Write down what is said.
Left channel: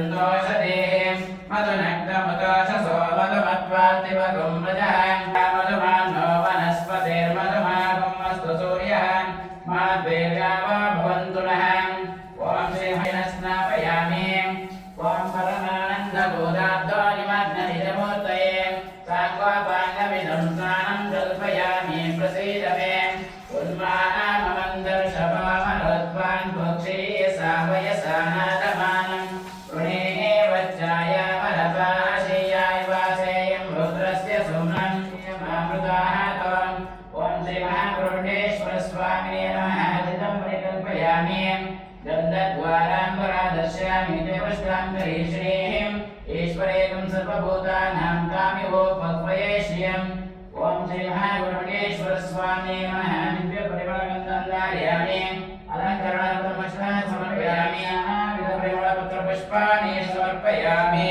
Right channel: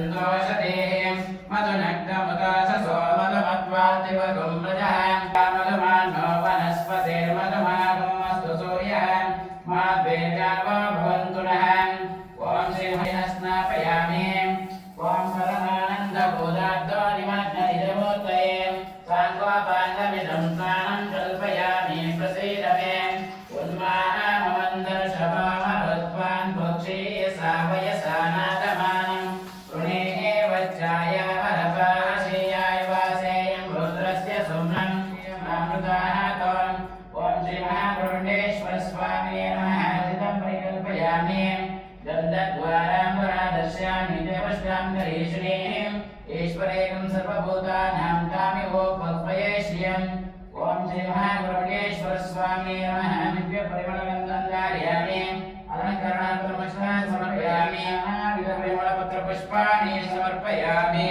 सन्तोषदेः मधुनग्नमुदाशसो मधुमत्वातिवगुं प्रजः मधुमान्नो वनस्पतिर्मधुमागुमस्तु सूर्यः माद्वीर्यावा भवन्तु नः ॐ सिंहेन स्नापयामि ॐ परमानन्दबोधाब्दोनिमग्ननिजमूर्तये साङ्गोपाङ्गमिदं स्नानं कल्पयामि प्रसीद मे उन्मानमन्दर्शवामरुत्वान् पक्षी सावयसा नादमानं वृणे वज्राय वरपाशयाय वासेयं रुद्रस्य सुम्नं मामृताहतम् ॐ श्रीमहागरुडेश्वर स्वामिने नमः हितं परिकल्पयामि गन्धद्वाराम्बरा दर्शयामि देवस्यां करीश्रीं ईश्वरेकं सर्वभूतानां कामिवोपक्वये श्रियम् ॐ श्रीमहागरुडेश्वर स्वामिने नमः दिव्यपरिमलगन्धं धारयामि अलङ्करणार्थमस्नानं समर्पयामि नानाविधपरिमलपत्रपुष्पाणि समर्पयामि